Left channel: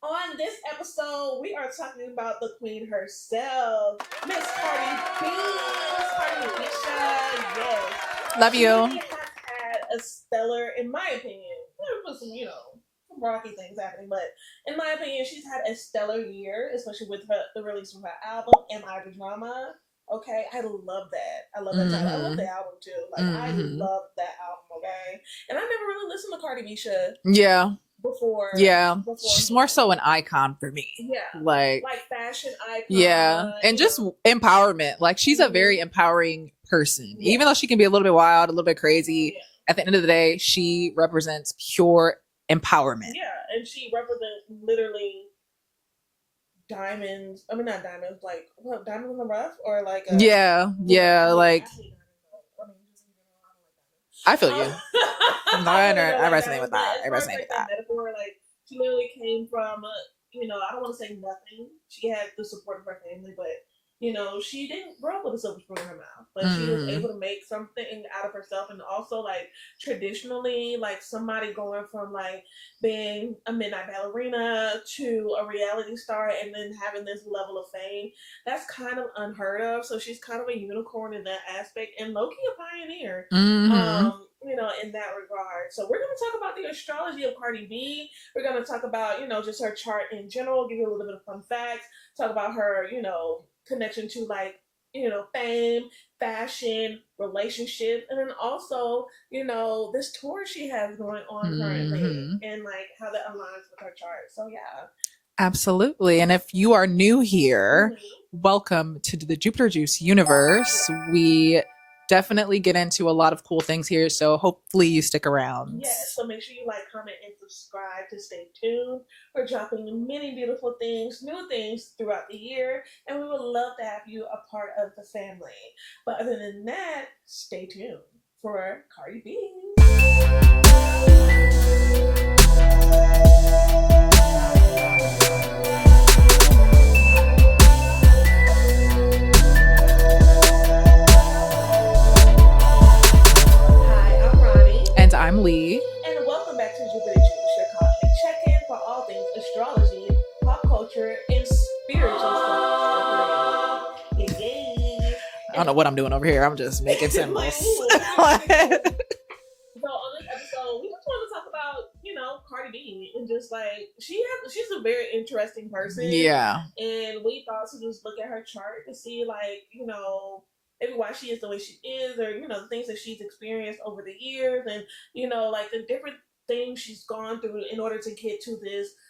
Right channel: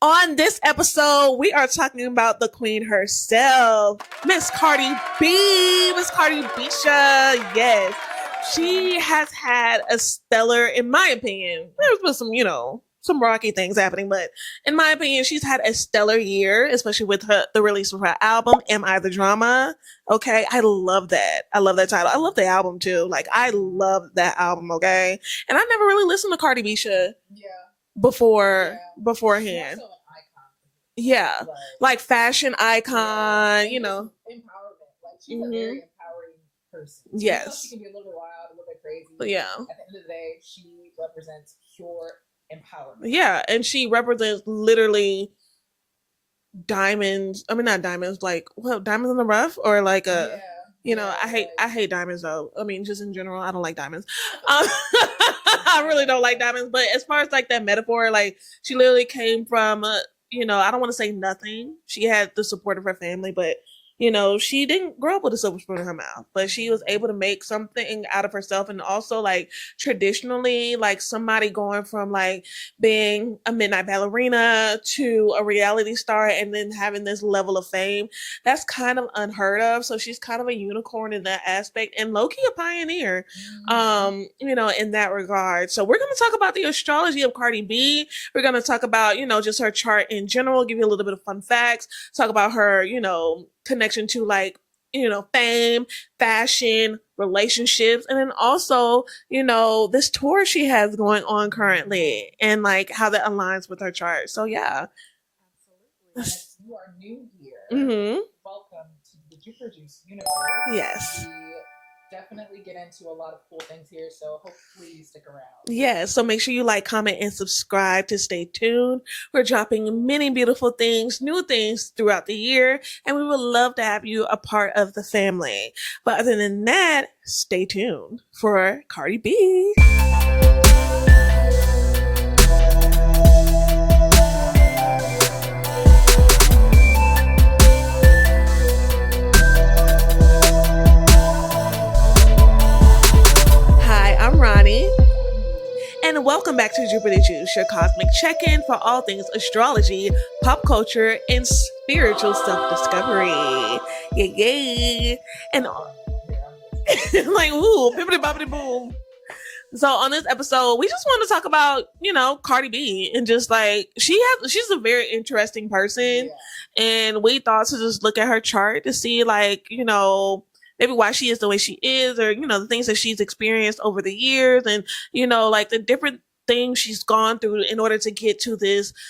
On this episode, we are talking about the queen herself, Miss Cardi B, Miss Cardi Bisha. Yes. Love you. She has had a stellar, in my opinion, there's been some, some rocky things happening, but in my opinion, she's had a stellar year, especially with the release of her album, Am I the Drama? Okay, I love that. I love that title. I love the album too. Like, I love that album, okay? And I never really listened to Cardi Bisha. Yeah. Before she's more so an icon for me. Yeah, like fashion icon. Yeah, and just empowerment. Like, she's a very empowering person. Yes. Even though she can be a little bit wild, a little bit crazy. But yeah, at the end of the day, she represents pure empowerment. Yeah, and she represents literally diamonds. I mean, not diamonds, like, well, diamonds in the rough, or like a I hate diamonds though. I mean, just in general, I don't like diamonds. I feel you. I really don't like diamonds, but as far as like that metaphor, like, she literally came from I don't want to say nothing. She had the support of her family, but she didn't grow up with a silver spoon in her mouth, but she was able to make something out of herself. And also, like, traditionally, like, somebody going from like being a midnight ballerina to a reality star and then having this level of fame, that's kind of unheard of. So she's kind of a unicorn in that aspect, and low-key a pioneer, in that regard. So we're going to talk about the astrology of Cardi B. We're going to talk about, just her chart in general, give you a little bit of fun facts, talk about her, connection to, like, fame, fashion, relationships, and then also, this tour she has going on currently, and like how that aligns with her chart. So yeah. Absolutely. And if you are new here, welcome to the Jupiter Juice universe. Yes. We definitely get into a lot of cool things here, so hopefully you stick around. Yeah, so make sure you like, comment, and subscribe to stay tuned. We're dropping many beautiful things, new things throughout the year, and we would love to have you a part of the family. But other than that, stay tuned for Cardi B. And welcome back to Jupiter Juice, your cosmic check-in for all things astrology, pop culture, and spiritual self-discovery. Yeah. I don't know what I'm doing over here. I'm just making sense. Like, ooh. So on this episode, we just want to talk about, Cardi B, and just like, she's a very interesting person. Yeah. And we thought to just look at her chart to see, like, maybe why she is the way she is, or, the things that she's experienced over the years, and, like the different things she's gone through in order to get to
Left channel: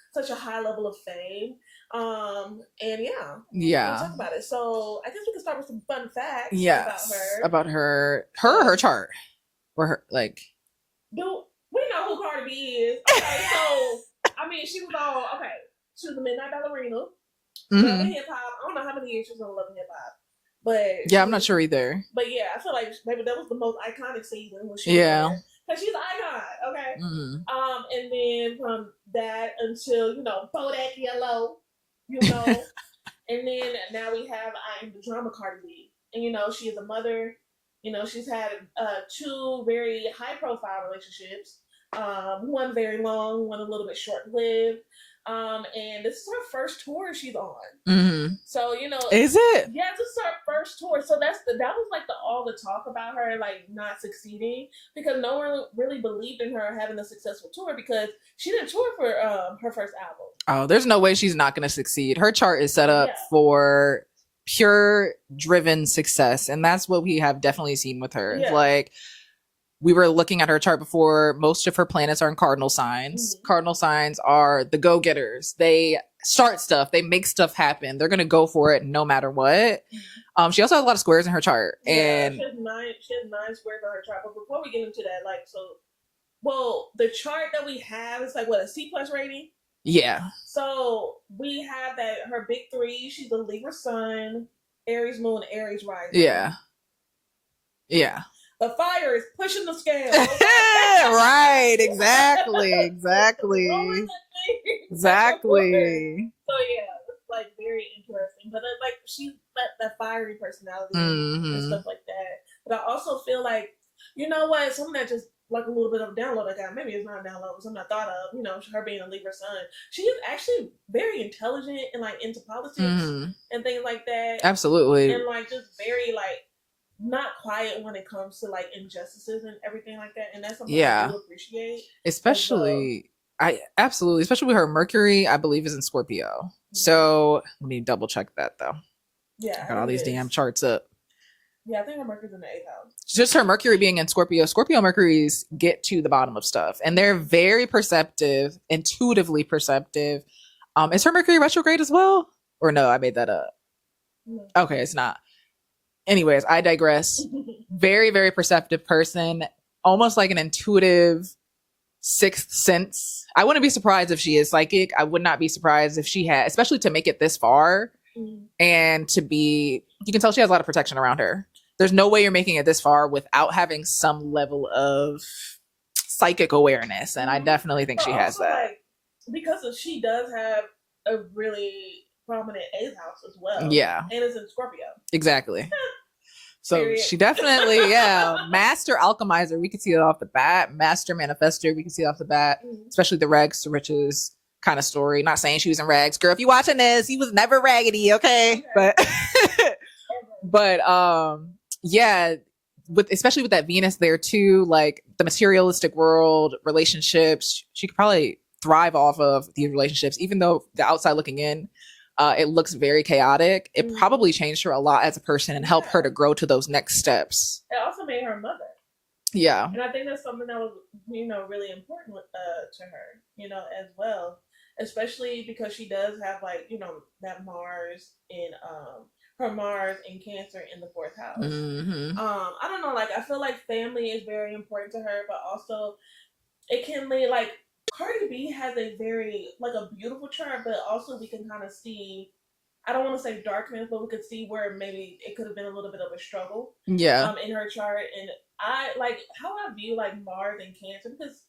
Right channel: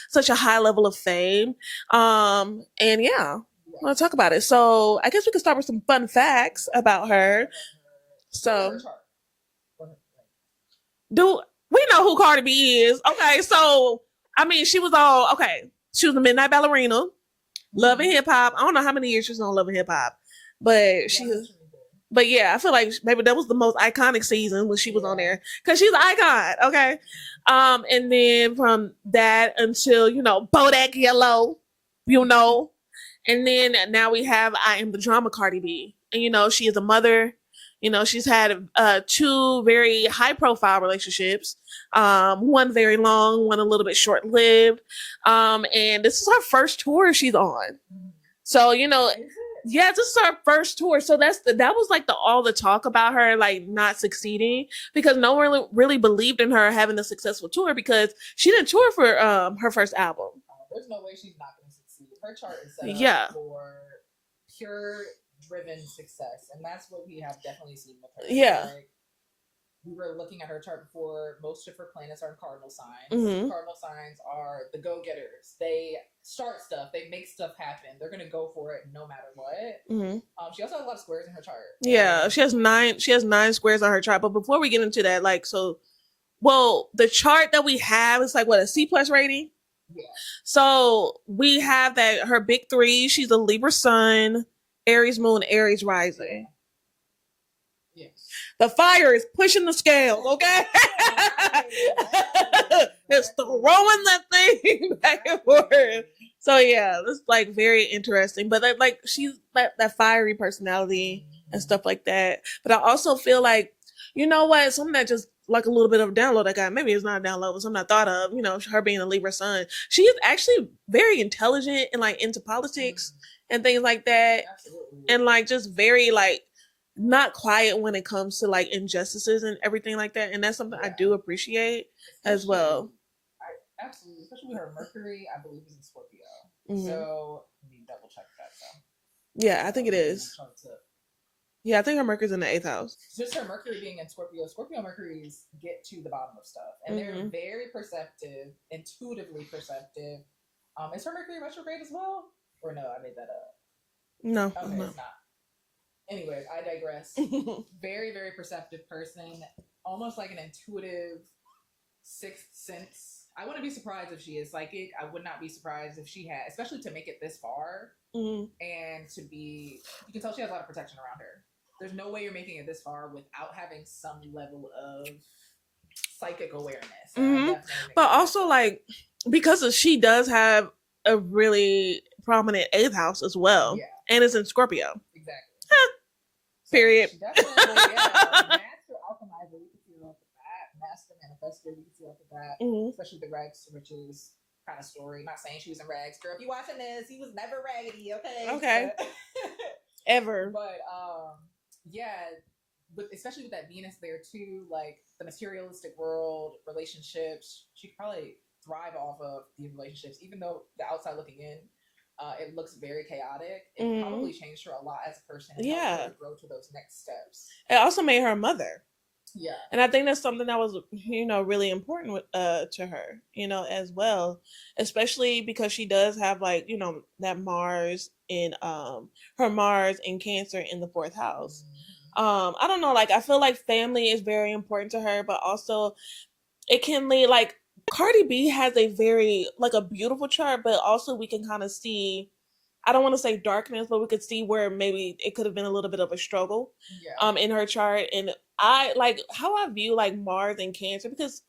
such a high level of fame. And we'll talk about it. So I guess we could start with some fun facts about her. About her chart. Or her, like. Do we know who Cardi B is? Okay, so, I mean, she was a midnight ballerina, Love and Hip Hop. I don't know how many years she was on Love and Hip Hop. But I'm not sure either. But yeah, I feel like maybe that was the most iconic season when she was on there, because she's an icon. Okay. And then from that until Bodak Yellow, and then now we have I Am the Drama Cardi B, and she is a mother. She's had 2 very high profile relationships. One very long, one a little bit short lived. And this is her first tour she's on. So, is it? Yeah, this is her first tour. So that was like all the talk about her, like, not succeeding, because no one really believed in her having a successful tour, because she didn't tour for her first album. Oh, there's no way she's not going to succeed. Her chart is set up for pure driven success, and that's what we have definitely seen with her. Like, we were looking at her chart before. Most of her planets are in cardinal signs. Cardinal signs are the go-getters. They start stuff, they make stuff happen, they're gonna go for it no matter what. She also has a lot of squares in her chart. She has 9 squares on her chart. But before we get into that, like, the chart that we have is like, what, a C+ rating? Yeah. So we have that her big 3. She's a Libra Sun, Aries Moon, Aries Rising. Yeah. The fire is pushing the scale. Okay. Right. Exactly. Throwing that thing. Exactly. So yeah, it's like very interesting. But like, she's that fiery personality and stuff like that. But I also feel like, you know what? Something that just like a little bit of a download I got. Maybe it's not a download, it's something I thought of. You know, her being a Libra Sun. She is actually very intelligent and like into politics and things like that. Absolutely. And like just very like not quiet when it comes to like injustices and everything like that. And that's something I do appreciate. Especially especially with her Mercury, I believe, is in Scorpio. So let me double check that though. Yeah, I think all these damn charts up. Yeah, I think her Mercury's in the 8th house. Just her Mercury being in Scorpio. Scorpio Mercuries get to the bottom of stuff, and they're very perceptive, intuitively perceptive. Is her Mercury retrograde as well? Or no, I made that up. No. Okay, it's not. Anyways, I digress. Very, very perceptive person, almost like an intuitive sixth sense. I wouldn't be surprised if she is psychic. I would not be surprised if she had, especially to make it this far. And to be, you can tell she has a lot of protection around her. There's no way you're making it this far without having some level of psychic awareness, and I definitely think she has that. But also, like, because she does have a really prominent 8th house as well. Yeah, and it's in Scorpio. Exactly. So she definitely, master alchemizer. We can see it off the bat. Master manifester. We can see it off the bat. Especially the rags to riches kind of story. Not saying she was in rags, girl. If you watching this, he was never raggedy, okay? But ever. But especially with that Venus there too, like the materialistic world, relationships, she could probably thrive off of these relationships, even though the outside looking in, it looks very chaotic. It probably changed her a lot as a person and helped her to grow to those next steps. It also made her a mother. Yeah. And I think that's something that was, really important to her, as well, especially because she does have like, that Mars in her Mars in Cancer in the 4th house. I don't know, like I feel like family is very important to her, but also it can lead, like Cardi B has a very like a beautiful chart, but also we can kind of see, I don't want to say darkness, but we could see where maybe it could have been a little bit of a struggle. In her chart. And I like how I view like Mars and Cancer, because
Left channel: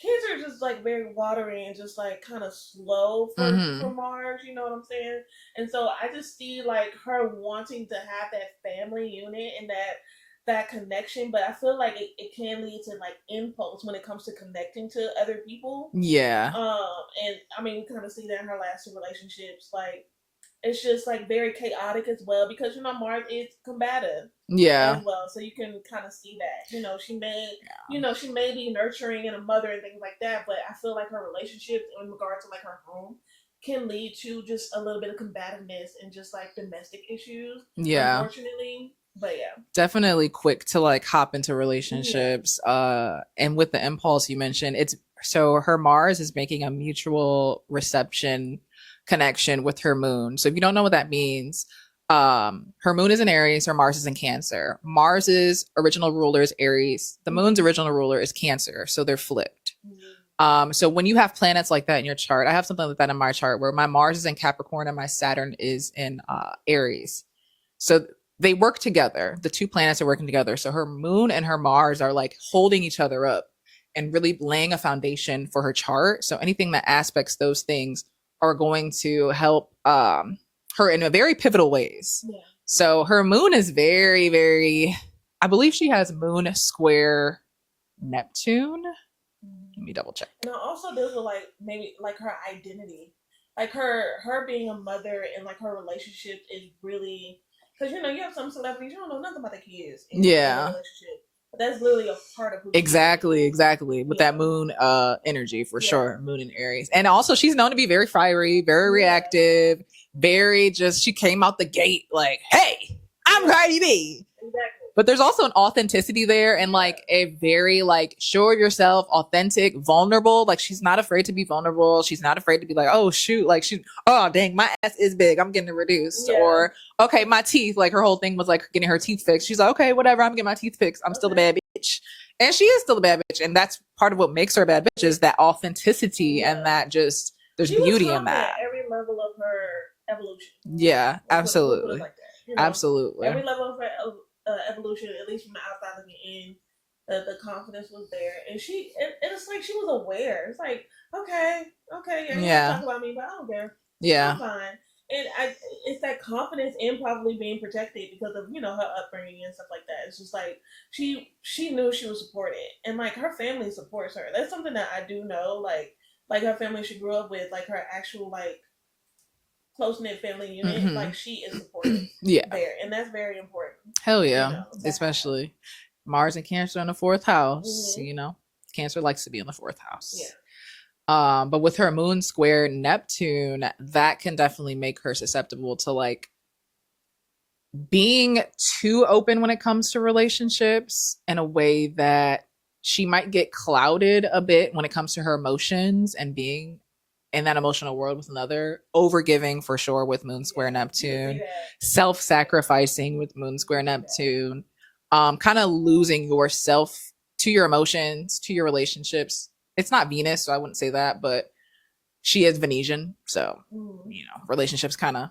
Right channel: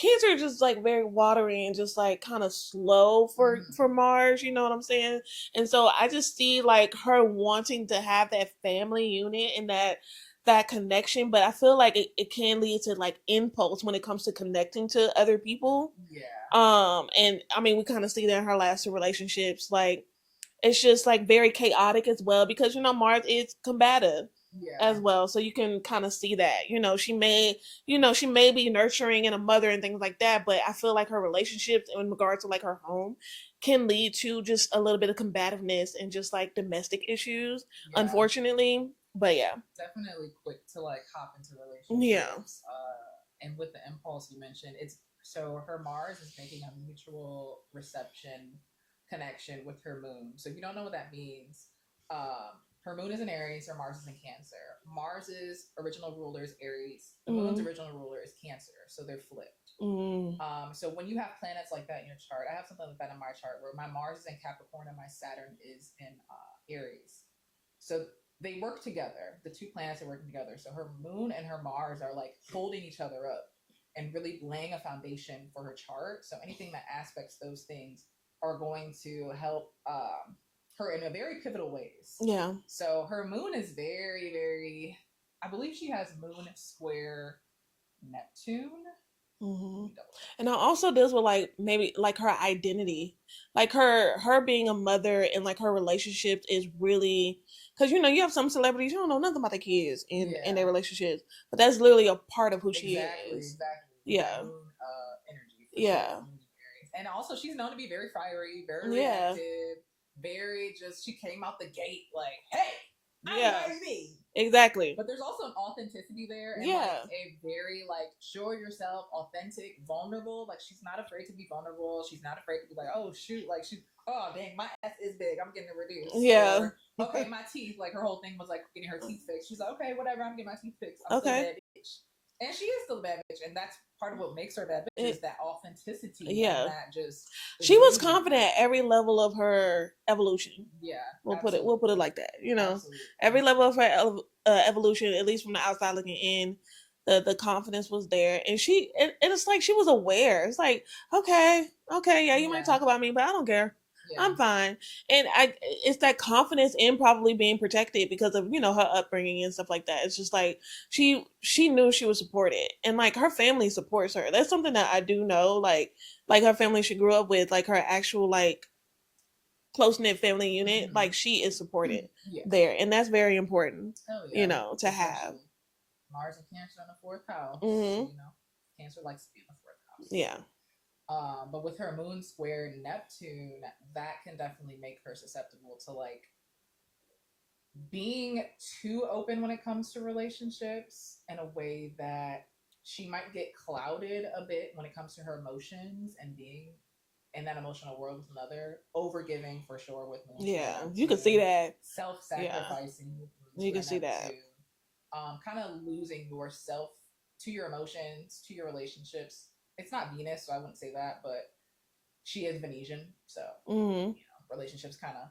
Cancer is just like very watery and just like kind of slow for Mars, you know what I'm saying? And so I just see like her wanting to have that family unit and that connection, but I feel like it can lead to like impulse when it comes to connecting to other people. Yeah. And I mean, we kind of see that in her last 2 relationships, like it's just like very chaotic as well, because Mars is combative as well, so you can kind of see that she may she may be nurturing and a mother and things like that, but I feel like her relationships in regards to like her home can lead to just a little bit of combativeness and just like domestic issues, unfortunately. But definitely quick to like hop into relationships. And with the impulse you mentioned, it's so her Mars is making a mutual reception connection with her moon. So if you don't know what that means, her moon is in Aries, her Mars is in Cancer. Mars's original ruler is Aries, the moon's original ruler is Cancer, so they're flipped. So when you have planets like that in your chart, I have something like that in my chart where my Mars is in Capricorn and my Saturn is in Aries. So they work together. The 2 planets are working together. So her moon and her Mars are like holding each other up and really laying a foundation for her chart. So anything that aspects those things are going to help her in a very pivotal ways. Yeah. So her moon is very, very, I believe she has moon square Neptune. Let me double check. And it also deals with like maybe like her identity, like her being a mother, and like her relationship is really, because you have some celebrities you don't know nothing about their kids and their relationships, but that's literally a part of who she is. Exactly with that moon energy for sure. Moon in Aries, and also she's known to be very fiery, very reactive, very just, she came out the gate like, hey, I'm Cardi B. Exactly. But there's also an authenticity there, and like a very like show of yourself, authentic, vulnerable. Like she's not afraid to be vulnerable. She's not afraid to be like, oh shoot, like oh dang, my ass is big, I'm getting it reduced. Or okay, my teeth, like her whole thing was like getting her teeth fixed. She's like, okay, whatever, I'm getting my teeth fixed. I'm still a bad bitch. And she is still a bad bitch, and that's part of what makes her a bad bitch, is that authenticity and that just there's beauty in that. She was confident at every level of her evolution. Yeah, absolutely. We'll put it like that. Absolutely. Every level of her evolution, at least from the outside looking in, the confidence was there, and it's like she was aware. It's like, okay, yeah, you can talk about me, but I don't care. Yeah. I'm fine. And it's that confidence in probably being protected because of, you know, her upbringing and stuff like that. It's just like she knew she was supported, and like her family supports her. That's something that I do know. Like her family she grew up with, like her actual like close-knit family unit, like she is supported there, and that's very important. Hell yeah. You know, especially Mars and Cancer in the 4th house. You know, Cancer likes to be in the 4th house. Yeah. But with her moon square Neptune, that can definitely make her susceptible to like being too open when it comes to relationships in a way that she might get clouded a bit when it comes to her emotions and being in that emotional world with another. Overgiving for sure with moon square Neptune. You can see that. Self-sacrificing with moon square Neptune. Kind of losing yourself to your emotions, to your relationships. It's not Venus, so I wouldn't say that, but she is Venetian, so you know, relationships kind of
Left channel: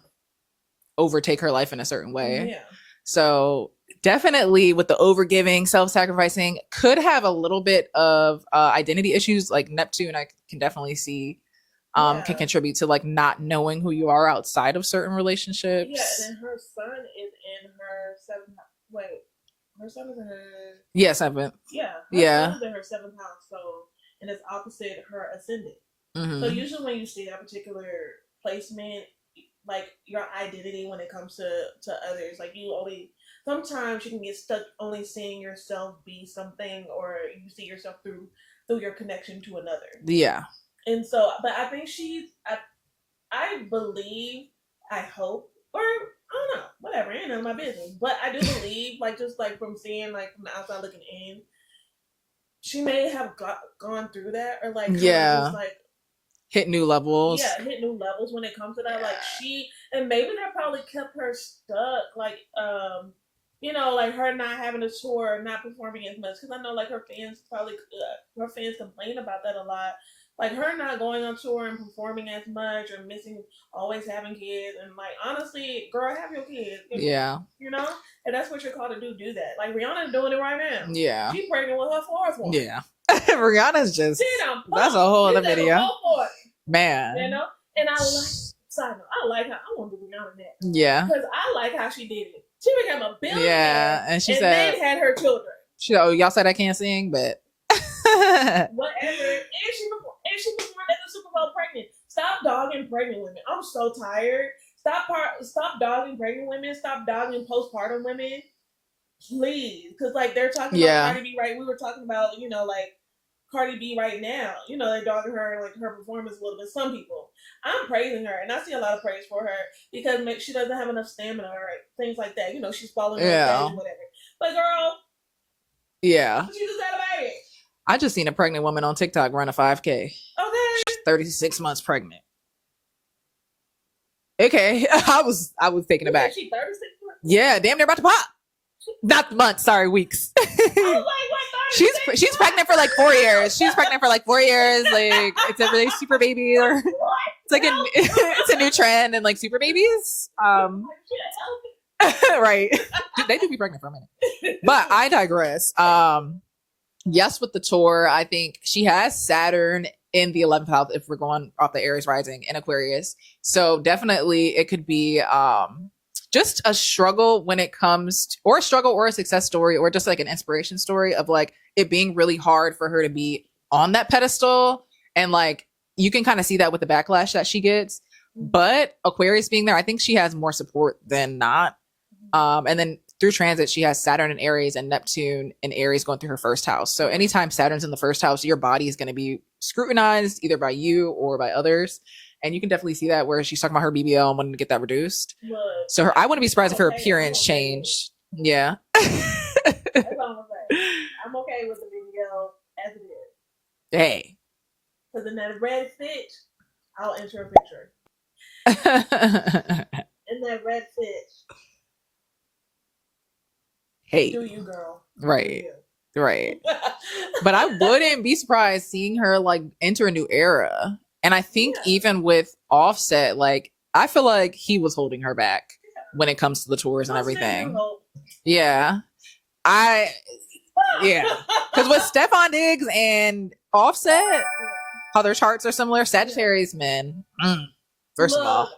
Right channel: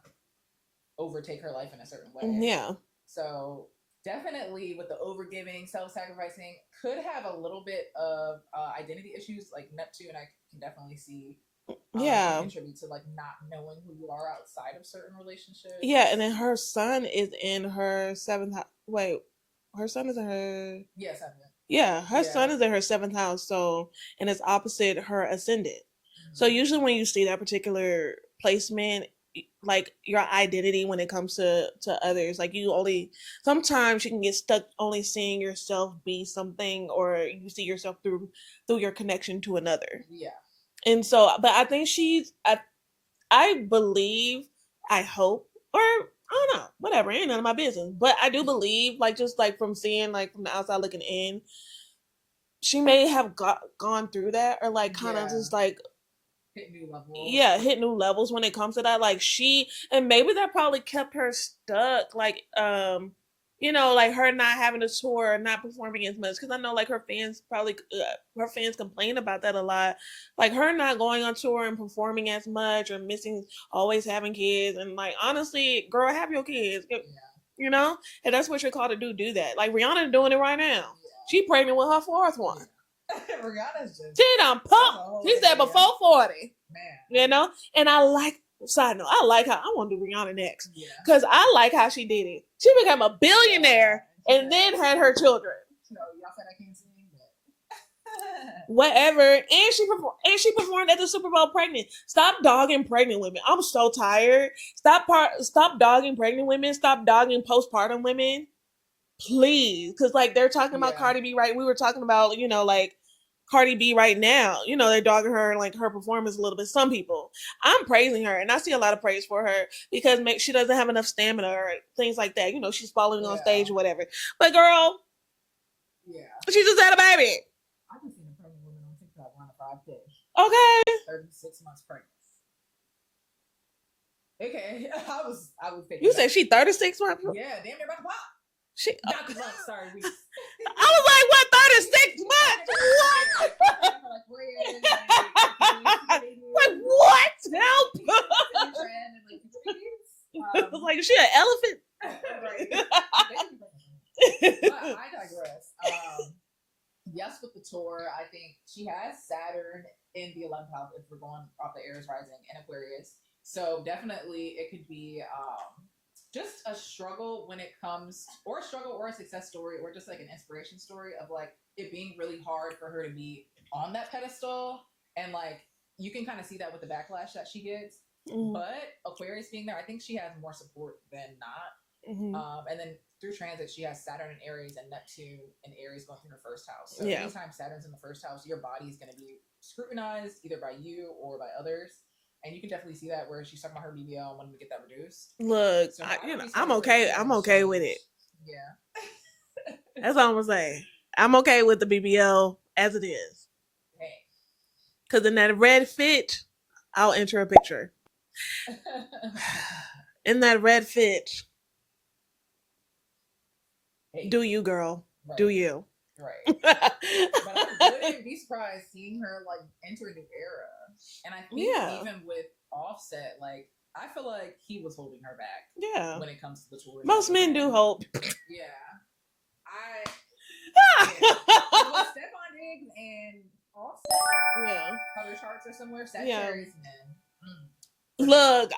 overtake her life in a certain way. Yeah. So definitely with the overgiving, self-sacrificing, could have a little bit of identity issues. Like Neptune, I can definitely see can contribute to like not knowing who you are outside of certain relationships. Yeah, and then her sun is in her 7th house. Wait, her sun is in her 7th. Yeah, her sun is in her 7th house, so and it's opposite her ascendant. So usually when you see that particular placement, like your identity when it comes to others, like you only sometimes you can get stuck only seeing yourself be something, or you see yourself through your connection to another. Yeah. And so, but I think I believe, I hope, or I don't know, whatever, ain't none of my business. But I do believe, like, just like from seeing, like, from the outside looking in, she may have gone through that, or like, just like hit new levels. Yeah, hit new levels when it comes to that. Like and maybe that probably kept her stuck. Like, you know, like her not having a tour, not performing as much. Because I know, like, her fans complain about that a lot. Like, her not going on tour and performing as much, or missing, always having kids. And, like, honestly, girl, have your kids. Yeah. You know? And that's what you're called to do that. Like, Rihanna doing it right now. Yeah. She pregnant with her 4th one. Yeah. Rihanna's just... That's a whole other video. Before 40. Man. You know? And I like... Side note, I like how... I want to do Rihanna next. Yeah. Because I like how she did it. She became a billionaire and then had her children. Y'all said I can't sing, but... Whatever. And she performed at the Super Bowl pregnant. Stop dogging pregnant women. I'm so tired. Stop dogging pregnant women. Stop dogging postpartum women. Please. Because, like, they're talking about Cardi B, right? We were talking about, you know, like, Cardi B right now. You know, they're dogging her and, like, her performance a little bit. Some people. I'm praising her, and I see a lot of praise for her because she doesn't have enough stamina or things like that. You know, she's falling on stage or whatever. But, girl. Yeah. She just had a baby. I just seen a pregnant woman on TikTok run a 5K. Okay. She's 36 months pregnant. Okay. I was taken aback. She 36 months? Yeah, damn near about to pop. Not months, sorry, weeks. I was like, what, 36? She's pregnant for like 4 years. She's pregnant for like 4 years. Like, it's a really super baby. Or what? It's like it's a new trend in like super babies. Like, is she an elephant? Right. They do be pregnant for a minute. But I digress. Yes, with the tour, I think she has Saturn in the 11th house if we're going off the Aries rising in Aquarius. So definitely it could be just a struggle when it comes to, or a struggle or a success story, or just like an inspiration story of like it being really hard for her to be on that pedestal. And like you can kind of see that with the backlash that she gets. But Aquarius being there, I think she has more support than not. And then through transit, she has Saturn in Aries and Neptune in Aries going through her 1st house. So anytime Saturn's in the 1st house, your body is going to be scrutinized either by you or by others. And you can definitely see that where she's talking about her BBL and wanting to get that reduced. Look, so I wouldn't be surprised if her appearance changed. With it. Yeah. That's all I'm going to say. I'm okay with the BBL as it is. Hey. Because in that red fit, I'll enter a picture. In that red fit. Hey. Do you, girl. Right. Do you. Right. But I wouldn't be surprised seeing her like enter a new era. And I think even with Offset, like I feel like he was holding her back when it comes to the tours and everything. Men do hope. Yeah. Because with Stefon Diggs and Offset, how their charts are similar, Sagittarius men. First of all,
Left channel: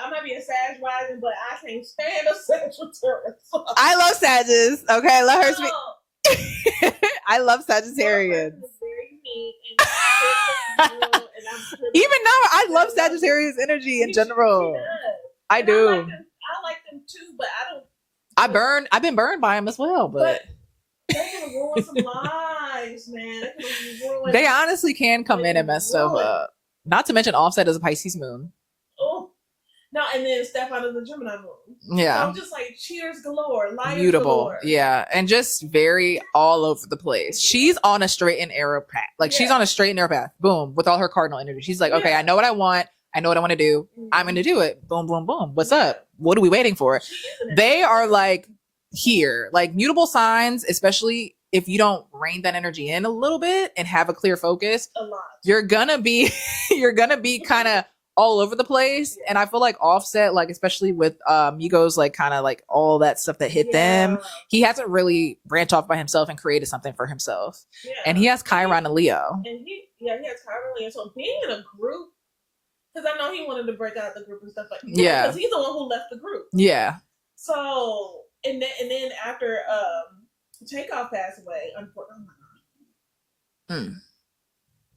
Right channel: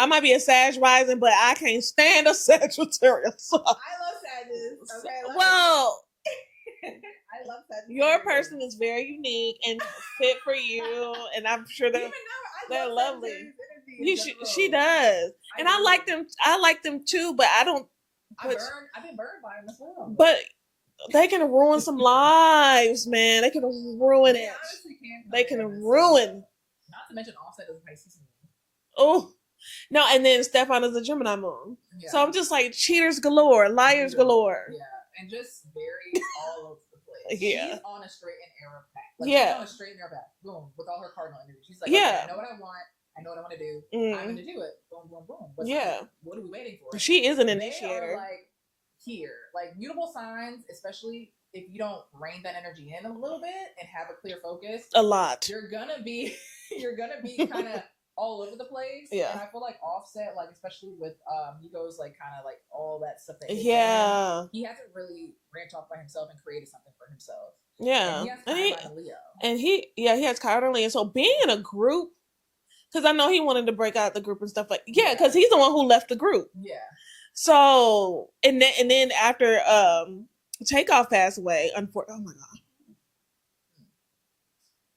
I might be a Sag rising, but I can't stand a Sagittarius. I love Sagittarius. Okay, let her speak. I love Sagittarius. Your person is very unique and fit for you, and I'm sure that even now I love Sagittarius energy in general. She does. I do. I like them too, but I don't. I've been burned by them as well, but they can ruin some lives, man. They can ruin. They honestly can come in and mess stuff up. Not to mention Offset is a Pisces moon. Oh. No, and then Stefon is a Gemini moon. Yeah. So I'm just like cheaters galore, liars galore. Yeah. And just very all over the place. Yeah. She's on a straight and narrow path. Like she's on a straight and narrow path. Boom. With all her cardinal energy. She's like, okay, I know what I want. I know what I want to do. I'm going to do it. Boom, boom, boom. What's up? What are we waiting for? She isn't. They are like here. Like mutable signs, especially if you don't rein that energy in a little bit and have a clear focus. A lot. You're going to be kind of all over the place. And I feel like Offset, like especially with Migos, like kind of like all that stuff that hit them, he hasn't really branched off by himself and created something for himself. And he has Chiron and Leo. And he has Chiron and Leo. So being in a group, because I know he wanted to break out the group and stuff like because he's the one who left the group. So and then after Takeoff passed away, unfortunately, oh my god.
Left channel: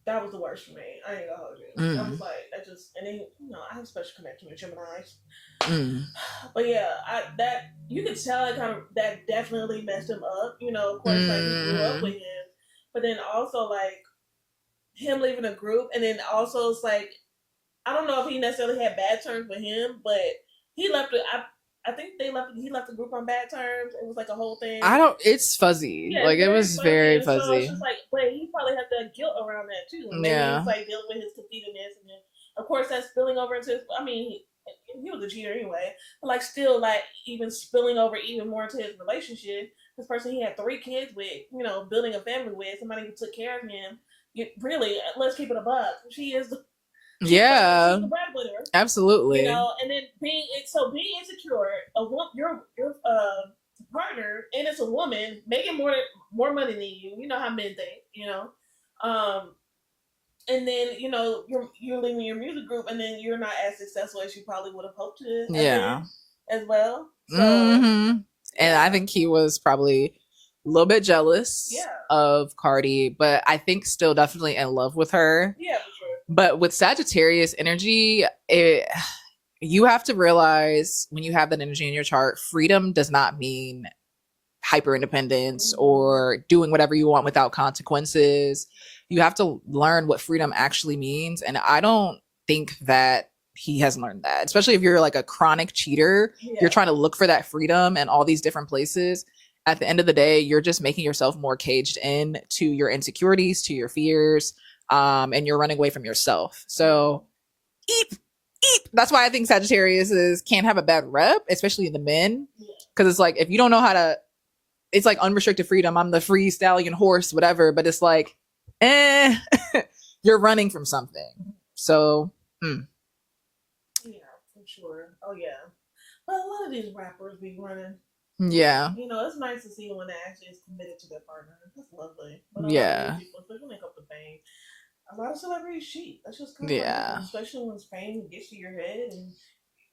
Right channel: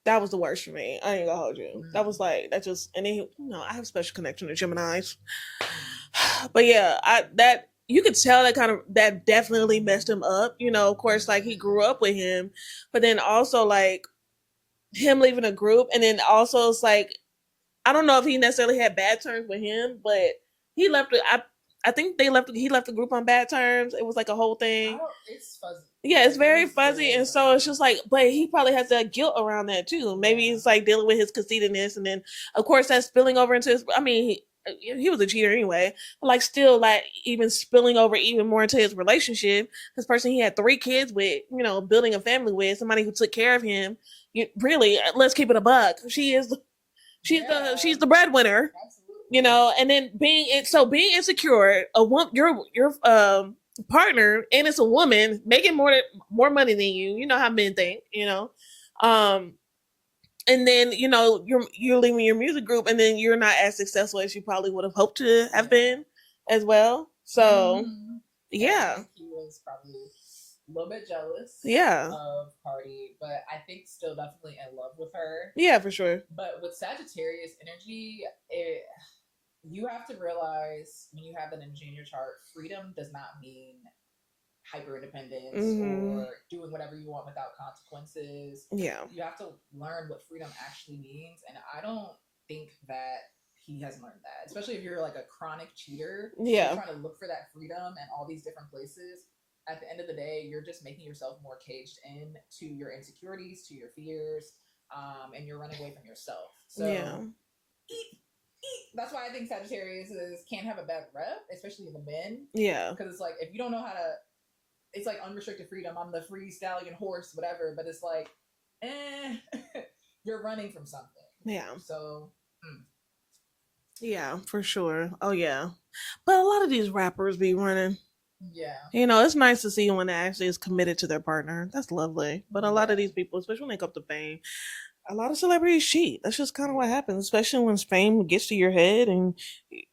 That was the worst for me. I ain't gonna hold you. That was like, that just, and then, I have a special connection to Geminis. But yeah, you could tell that definitely messed him up. Of course, like he grew up with him, but then also like him leaving a group. And then also it's like, I don't know if he necessarily had bad terms with him, but he left it. I think he left the group on bad terms. It was like a whole thing. It's fuzzy. Yeah, it's very fuzzy. And so it's just like, but he probably has that guilt around that too. Maybe it's like dealing with his conceitedness. And then of course that's spilling over into his, he was a cheater anyway, but like still like even spilling over even more into his relationship. This person he had 3 kids with, building a family with, somebody who took care of him. Really, let's keep it a buck. She's the breadwinner. Absolutely. And then being insecure, your partner, and it's a woman making more money than you. You know how men think, and then you're leaving your music group, and then you're not as successful as you probably would have hoped to have been as well. So, and I think he was probably a little bit jealous of Cardi, but I think still definitely in love with her. Yeah, for sure. But with Sagittarius energy, you have to realize when you have that energy in your chart, freedom does not mean hyper independence or doing whatever you want without consequences. Yeah. You have to learn what freedom actually means. And I don't think that he has learned that, especially if you're like a chronic cheater. You're trying to look for that freedom in all these different places. At the end of the day, you're just making yourself more caged in to your insecurities, to your fears, and you're running away from yourself. So, eep. That's why I think Sagittarius can't have a bad rep, especially in the men. Yeah. Because it's like, if you don't know how to, it's like unrestricted freedom. I'm the free stallion horse, whatever. But it's like, you're running from something. Yeah. So, yeah, for sure. Oh, yeah. But a lot of these rappers be running. Yeah. It's nice to see when they actually is committed to their partner. That's lovely. But a lot of these people, especially when they come to fame, a lot of celebrities cheat. That's just kind of what happens, especially when fame gets to your head and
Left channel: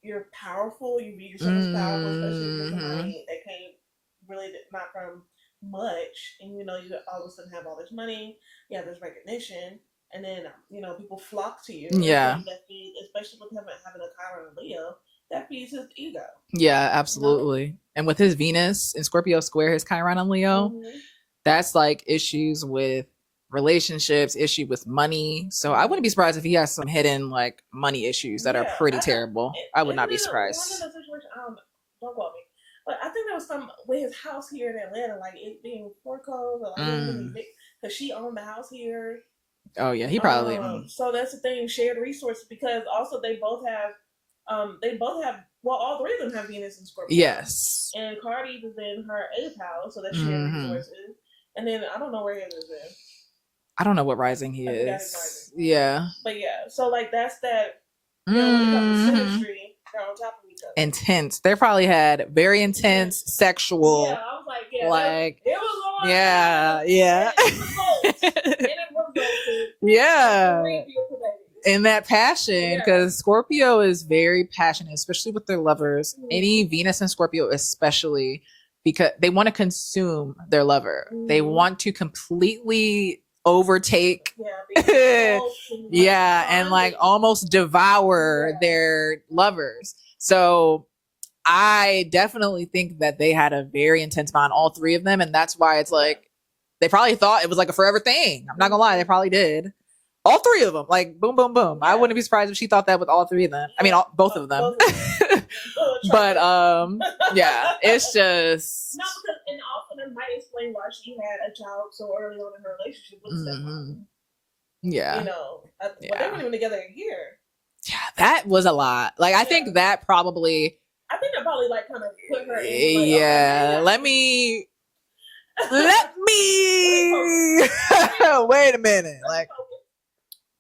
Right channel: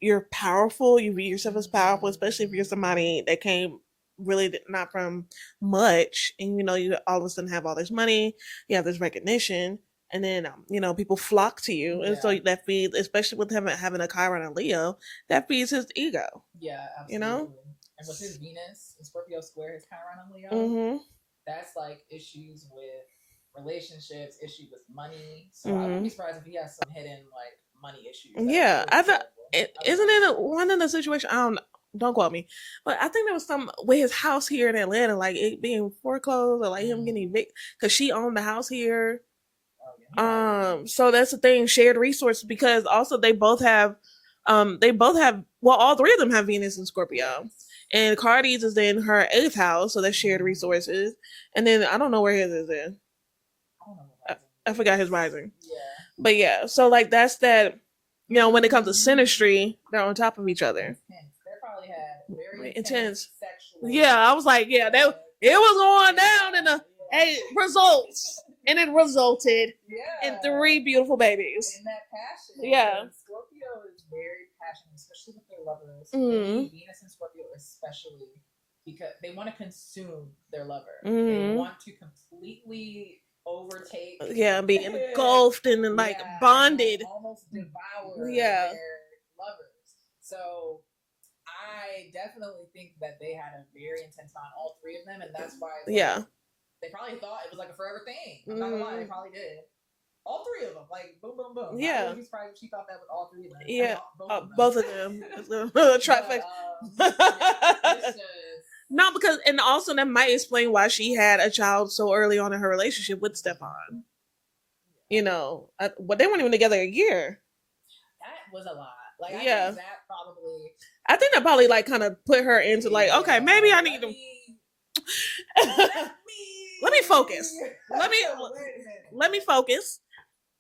you're powerful. You view yourself as powerful, especially if you're somebody that came really not from much. And, you all of a sudden have all this money, you have this recognition. And then, people flock to you. Yeah. And so that feeds, especially with having a Chiron and Leo, that feeds his ego. Yeah, absolutely. And with his Venus in Scorpio square, his Chiron and Leo, that's like issues with relationships, issue with money. So I wouldn't be surprised if he has some hidden like money issues that are pretty terrible. I would not be surprised. One in the situation, don't quote me, but I think there was some with his house here in Atlanta, like it being foreclosed or like him getting evicted because she owned the house here. Oh yeah, he probably. So that's the thing, shared resources, because also they both have all 3 of them have Venus in Scorpio. Yes. And Cardi's is in her 8th house, so that's shared resources. And then I don't know where his is in. I don't know what rising he is. I forgot his rising. Yeah. But yeah, so like that's that You know, when it comes to synastry, they're on top of each other. Intense. They probably had very intense sexual. Yeah, I was like, it was on down. It results. And it resulted in 3 beautiful babies. In that passion, because Scorpio is very passionate, especially with their lovers. Any Venus and Scorpio especially, because they want to consume their lover. They want to completely overtake, be engulfed and bonded. And like almost devour their lovers. So I definitely think that they had a very intense bond, all 3 of them, and that's why it's like they probably thought it was like a forever thing. I'm not gonna lie, they probably did. All 3 of them, like boom, boom, boom. I wouldn't be surprised if she thought that with all 3 of them. I mean, both of them. Both of them. But it's just because and also that might explain why she had a child so early on in her relationship with Stefon. Yeah, you know, but they weren't even together a year. Yeah, that was a lot. Like I think that probably like kind of put her into like, okay, maybe let me focus. Wait a minute. Let me focus.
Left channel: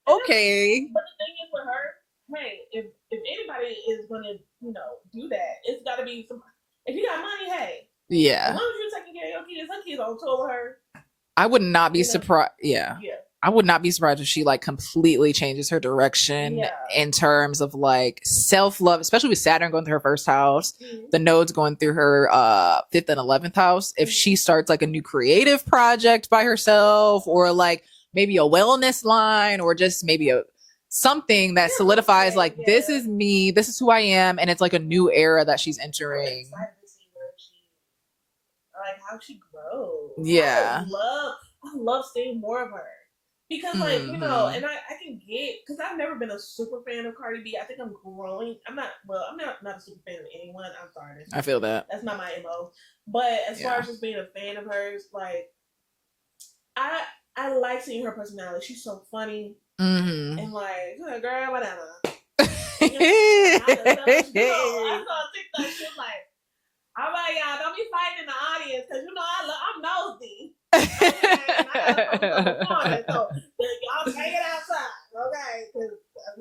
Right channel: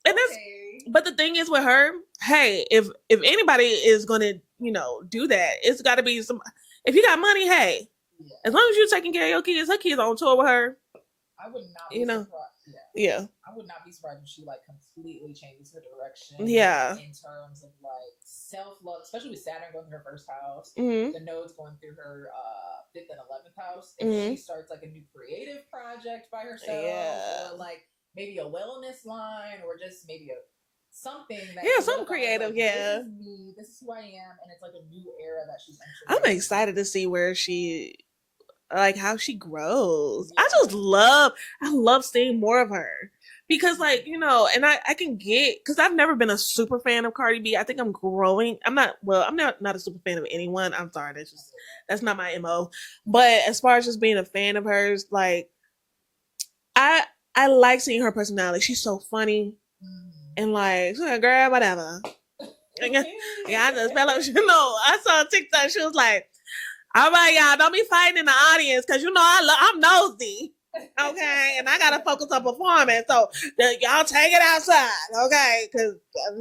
And okay. But the thing is with her, hey, if anybody is going to, you know, do that, it's got to be some. If you got money, hey, as long as you're taking care of your kids, her kids on tour with her. I would not be surprised. Yeah. I would not be surprised if she like completely changes her direction. In terms of like self-love, especially with Saturn going through her first house, the nodes going through her 5th and 11th house. If she starts like a new creative project by herself, or like maybe a wellness line, or just maybe something that solidifies like this is me, this is who I am, and it's like a new era that she's entering. I'm excited to see where she, like how she grows. I love seeing more of her, because like, you know, and I can get, because I've never been a super fan of Cardi B. I think I'm growing. I'm not a super fan of anyone. I'm sorry. I feel that. That's not my MO. But as far as just being a fan of hers, like I like seeing her personality. She's so funny. And like, girl, whatever. I just felt like, you know, I saw a TikTok. She was like, all right, y'all, don't be fighting in the audience, because, you know, I'm nosy. Okay? And I got to focus on performance. So y'all take it outside. Okay? Because,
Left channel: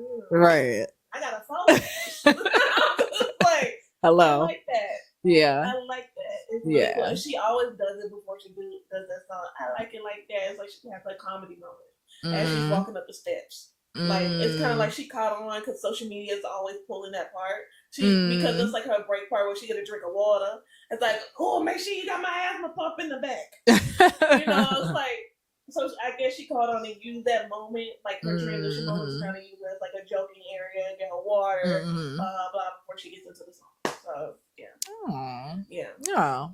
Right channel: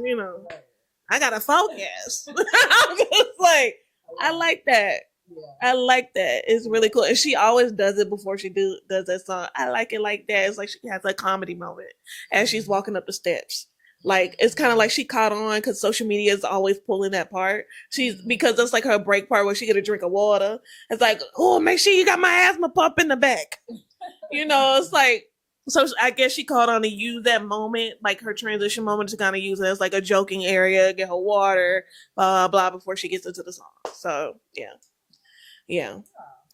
you know, I got to focus. I'm just like, hello. I like that. Yeah. I like that. It's really cool. And she always does it before she does that song. I like it like that. It's like she has a comedy moment as she's walking up the steps. Like, it's kind of like she caught on, because social media is always pulling that part. Because it's like her break part where she get a drink of water. It's like, oh, make sure you got my asthma pump in the back. You know, it's like, so I guess she caught on to use that moment, like her transition moment, to kind of use it as like a joking area, get her water, blah, before she gets into the song. So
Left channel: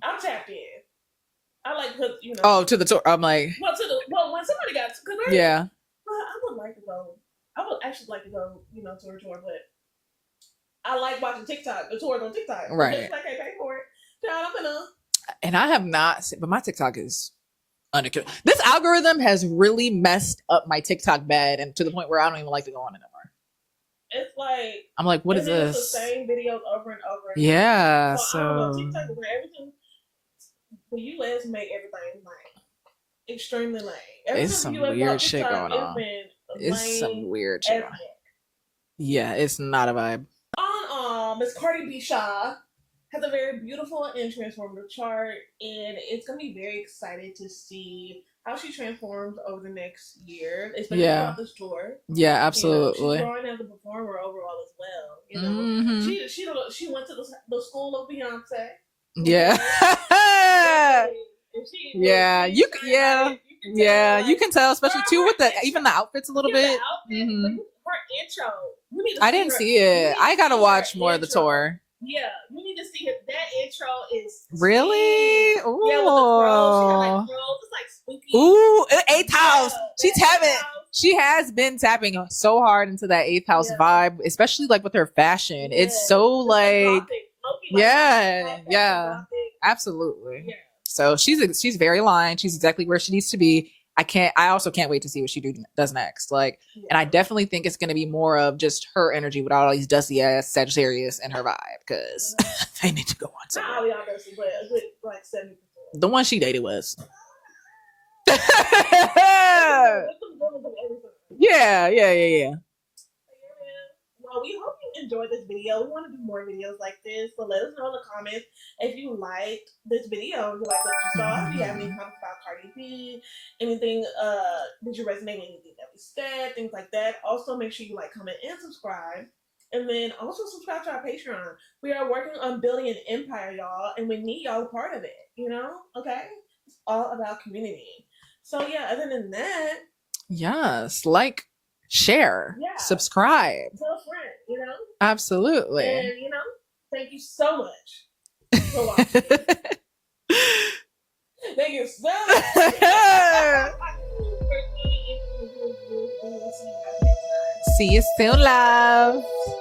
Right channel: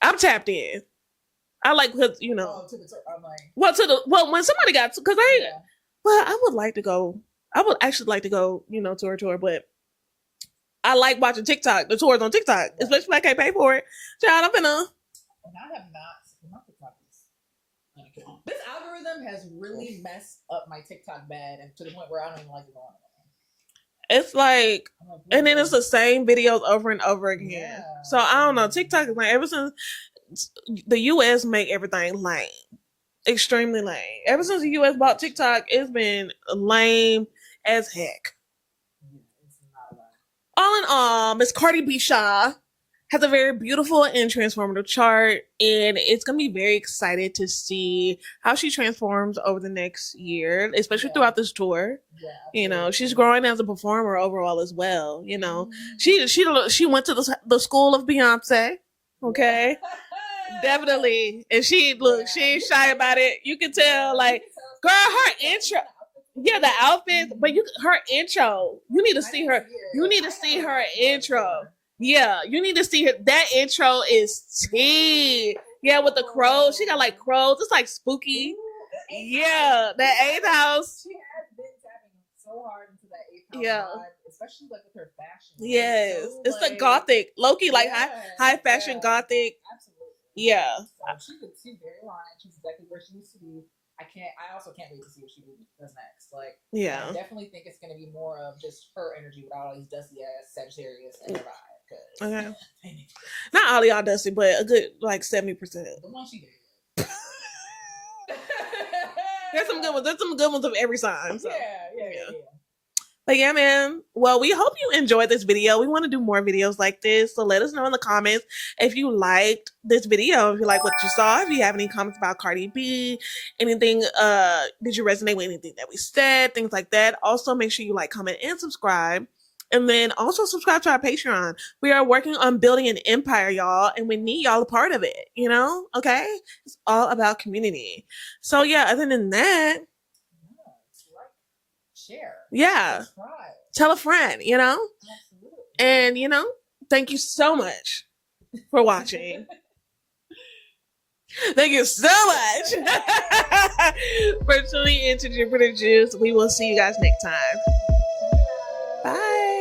I'm tapped in. I like, you know. To the tour. I'm like, when somebody got, because I would like to go. I would actually like to go, you know, to her tour, but I like watching the tours on TikTok. Especially if I can't pay for it. Child, I'm finna. And I have not, but my TikTok is unaccounted. This algorithm has really messed up my TikTok bed, and to the point where I don't even like to go on it anymore. It's like, I'm like, what? And then it's the same videos over and over again. Yeah. So I don't know. TikTok is like, ever since the US make everything lame. Extremely lame. Ever since the US bought TikTok, it's been lame as heck. Yeah, it's not a vibe. All in all, Miss Cardi B Shaw has a very beautiful and transformative chart, and it's gonna be very excited to see how she transforms over the next year, especially throughout this tour. Yeah, absolutely. You know, she's growing as a performer overall as well. You know, she went to the school of Beyonce. Okay. Yeah. Definitely. And she shy about it. You can tell. Yeah, like, you can tell, especially too with even the outfits a little bit. Yeah, the outfit. But her intro. You need to see I didn't see it. I gotta watch more of the tour. Yeah, you need to see her. That intro is really yeah, with the crows. She got like crows. It's like spooky. Ooh, 8th house. She has been tapping so hard into that 8th house vibe, especially like with her fashion. Yes. It's so like gothic, low-key, like high fashion gothic. Absolutely. Yeah. So she's very aligned. She's exactly where she needs to be. I also can't wait to see what she does next. Like, and I definitely think it's going to be more of just her energy without all these dusty ass Sagittarius in her vibe, because they need to go on. Not all y'all dusty, but a good like 70%. The one she dated was. There's some good ones of every sign. Yeah. But yeah, man. Well, we hope you enjoyed this video. We want to do more videos like this. So let us know in the comments if you liked this video, if you like what you saw, if you have any comments about Cardi B, anything, did you resonate with anything that we said, things like that. Also, make sure you like, comment, and subscribe. And then also subscribe to our Patreon. We are working on building an empire, y'all, and we need y'all a part of it, you know? Okay? It's all about community. So yeah, other than that. Yes, like, share, subscribe, tell a friend, you know? Absolutely. And, you know, thank you so much for watching. Thank you so much for tuning into Jupiter Juice. We will see you guys next time. See you soon, love. Bye.